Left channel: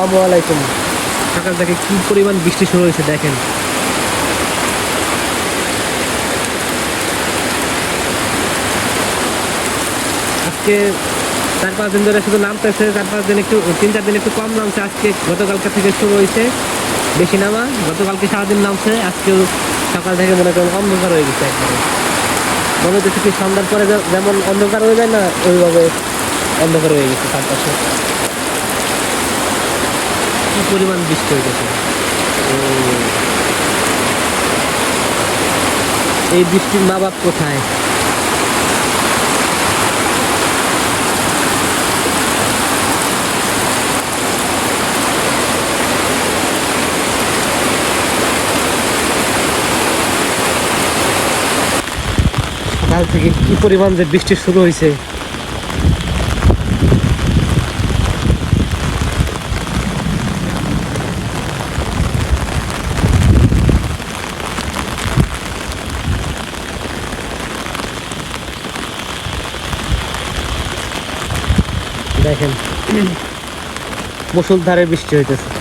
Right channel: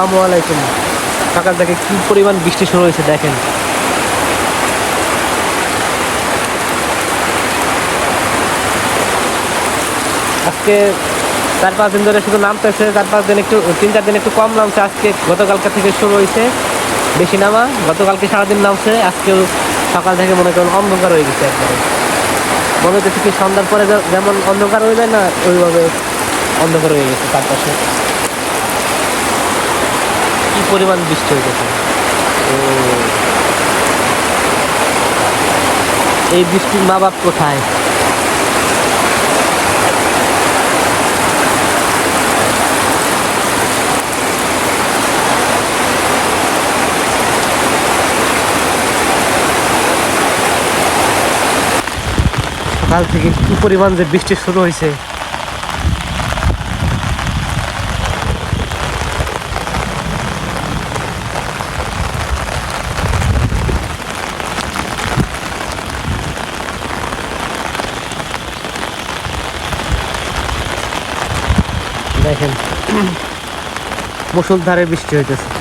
আসসালামু আলাইকুম। সকাল থেকে কি পরিমাণ বৃষ্টি শুরু হয়েছে দেখেন। আজকে 4-5 দিন ধরে শুধু নামতেছে, 4-5 দিন একটু 3-4 দিন একটু কম নামছে। আজকে গতকালকে থেকে শুরু হয়েছে বেশি নামা। গতকালকে সারাদিন নামছে, আজকেও সকাল থেকে মনে করেন অন্ধকার হয়ে গেছে একবারে। মনে হচ্ছে কি সন্ধ্যার পরে যেমন অন্ধকার হয়ে যায় না, ওইভাবে অন্ধকার হয়ে গেছে চারপাশে। কি পরিমাণ বৃষ্টি হয়ে গেছে। তো এই বৃষ্টির মা বাপ কোথায়? সকাল থেকে কি পরিমাণ যে বৃষ্টি শুরু হয়েছে। দেখেন মুষলধারে বৃষ্টি হইতেছে।